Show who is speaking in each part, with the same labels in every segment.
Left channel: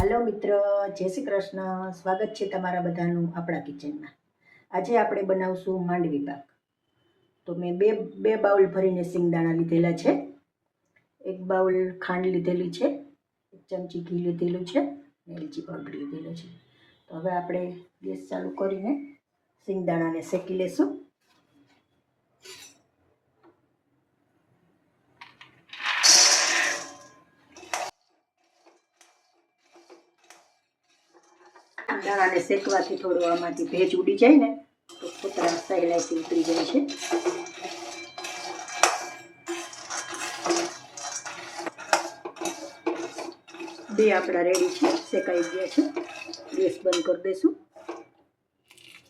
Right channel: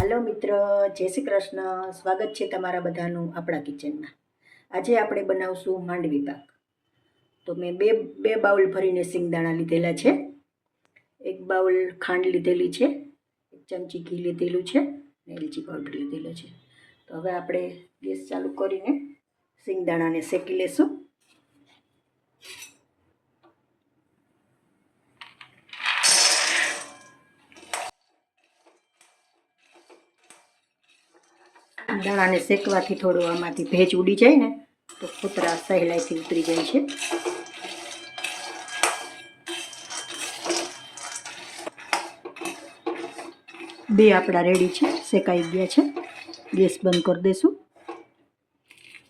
Speaker 1: હાલો મિત્ર, જય શ્રી કૃષ્ણ. સ્વાગત છે તમારા બધાનું આપણા કિચનમાં. આજે આપણે બનાવશું માંડવી પાક તો મેં બે બે બાઉલ ભરીને સિંગદાણા લીધેલા છે. એક બાઉલ ખાંડ લીધેલી છે, એક ચમચી ઘી લીધેલું છે અને એલચી પાવડર લીધેલો છે. તો હવે આપણે ગેસ ચાલુ કરીને સિંગદાણાને શેકી લેશું. દાણાને શેકવાથી થોડું આમાંથી ભેજ ઉડી જાય ને, તો કૂતરા સહેલાઈથી ઉતરી જાય છે. બે આપણા રેડી છે, શેકાઈ ગયા છે. ગેસ બંધ કરી દઈશું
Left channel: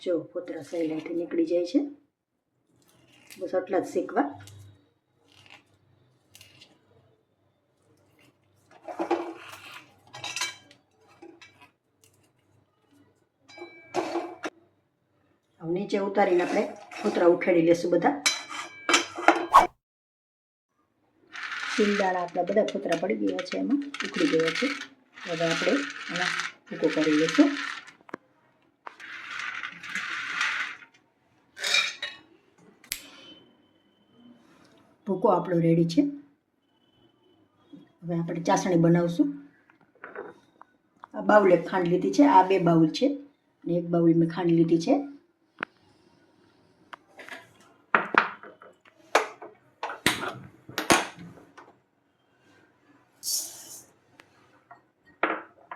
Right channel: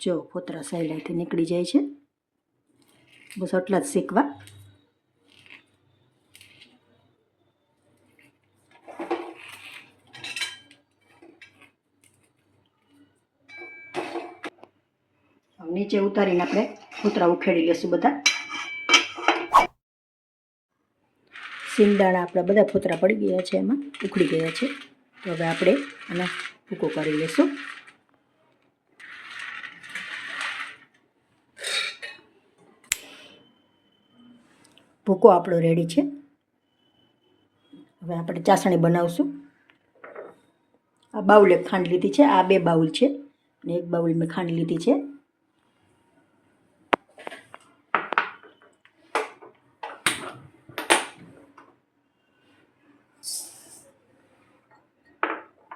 Speaker 1: જો ફોતરા સહેલાઈથી નીકળી જાય છે. બસ આટલા જ શેકવા. નીચે ઉતારીને આપણે કૂતરા ઉખેડી લેશું બધા. સિંગદાણા આપણા બધા ફૂતરા પડી ગયા છે એમાં, ઉખડી ગયા છે. તો હવે આપણે એને ભૂકો કરી લઈશું ભૂકો આપણો રેડી છે. હવે આપણે ચાસણી બનાવશું. આ બાઉલે ખાંડ લીધી છે, આ બે બાઉલ છે. અને એક બાઉલ મેં ખાંડ લીધી છે.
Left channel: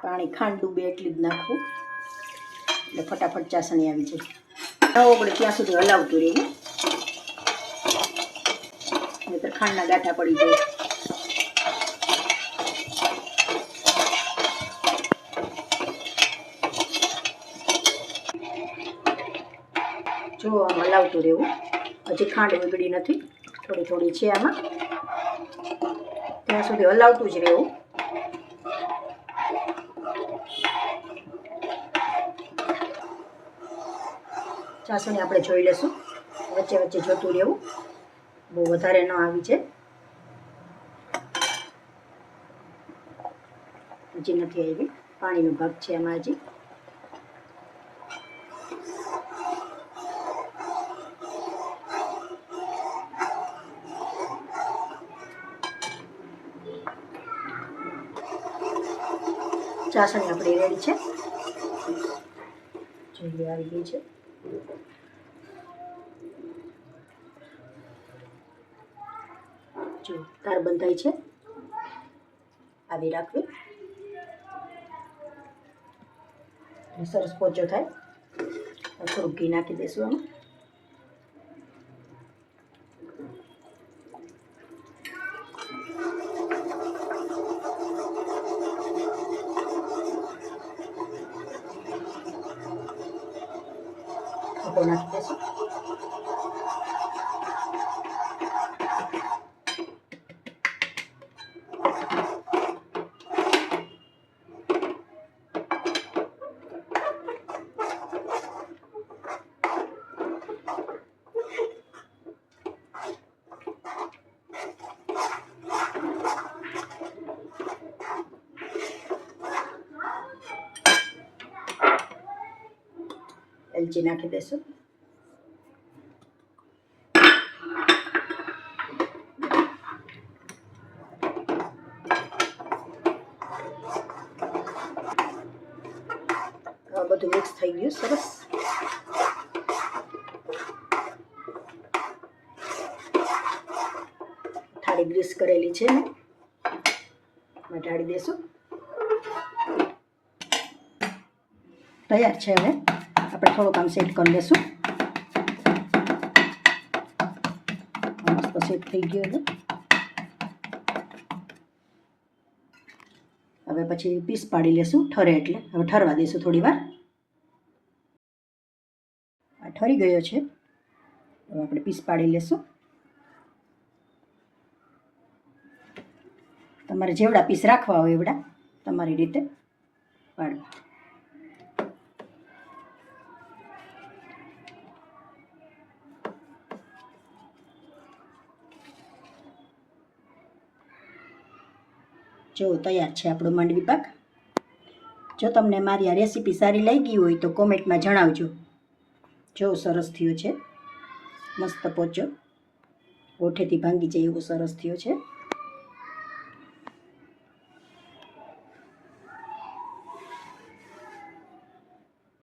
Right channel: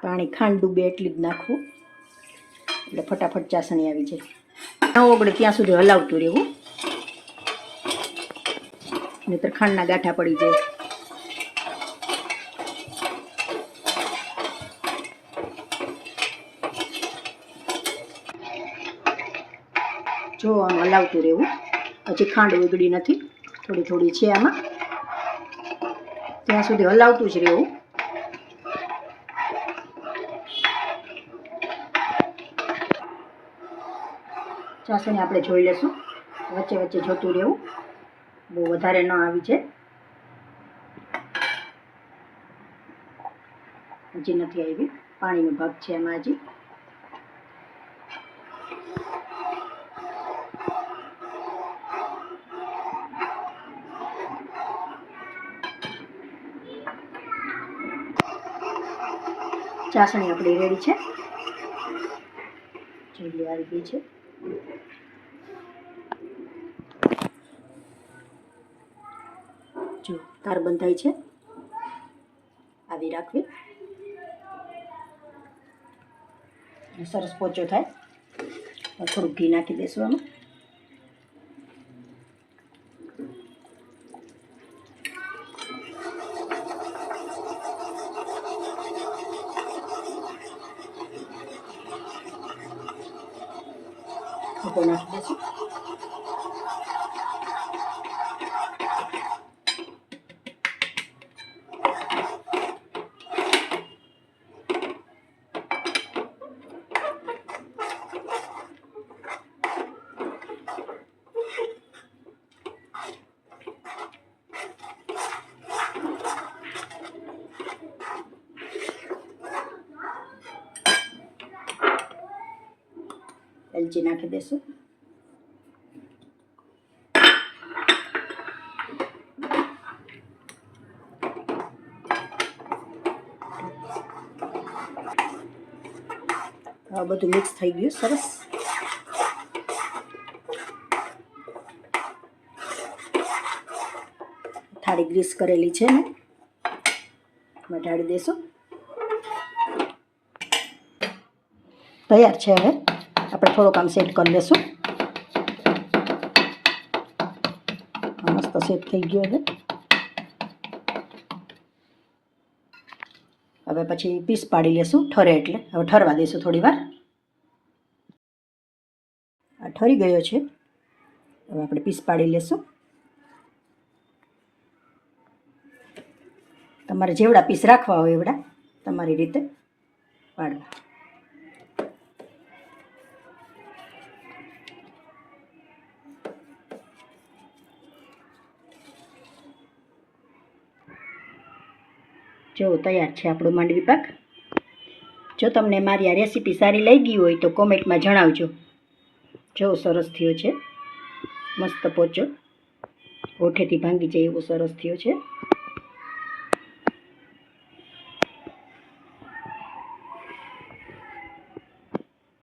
Speaker 1: પાણી ખાંડ ડૂબે એટલી જ નાખવું એટલે ફટાફટ ચાસણી આવી જાય. ન ઓગળે ત્યાં સુધી હલાવતું રહેવું. નહીતર ખાંડના ગાંઠા પડી જાય. જો આમ હલાવતું રહેવું. હજી ખાંડ ઓગળી નથી. થોડી થોડી છે આમાં. ત્યાં સુધી હલાવતું જ રહેવું. ચાસણી આપણે જોઈ લેશું વચ્ચે વચ્ચે જોતું રહેવું. બહુ વધારે ન આવી છે. હજી નથી આવી. પાણીનો ભાગ છે એમાં હજી. ચાસણી આપણી રેડી છે. જોઈ આવી ગઈ છે. જો તાર બંધાય છે. આવી રાખવી. સરસ પોચો થાય. થોડુંક ઘી નાખી દઈશું આમાં. આપણે નાખી એલચી નાખી દઈશું બધું મિક્સ થઈ ગયું સરસ થાળી ગ્રીસ કરેલી છે ને એમાં દેશું. તૈયાર છે હવે. આપણે થોડુંક આમ સેટ કરી લેશું. મસ્ત સેટ થઈ ગયો છે. હવે પછી પીસ પાડી લેશું, ઠરે એટલે. હવે ઠરવા દઈશું થોડી વાર. ઠરી ગયો છે. હવે આપણે પીસ પાડી લેશું. તમારે જેવડા પીસ રાખવા હોય એવડા તમારી રીતે પાડવા. જો તૈયાર છે આપણો માંડવી પાક જો તમને મારી આ રેસીપી સારી લાગી હોય તો કોમેન્ટમાં જણાવજો. જો સરસ થયો છે. મસ્ત પોચો. હોઠેથી ભાંગી જાય એવો સરસ થયો છે.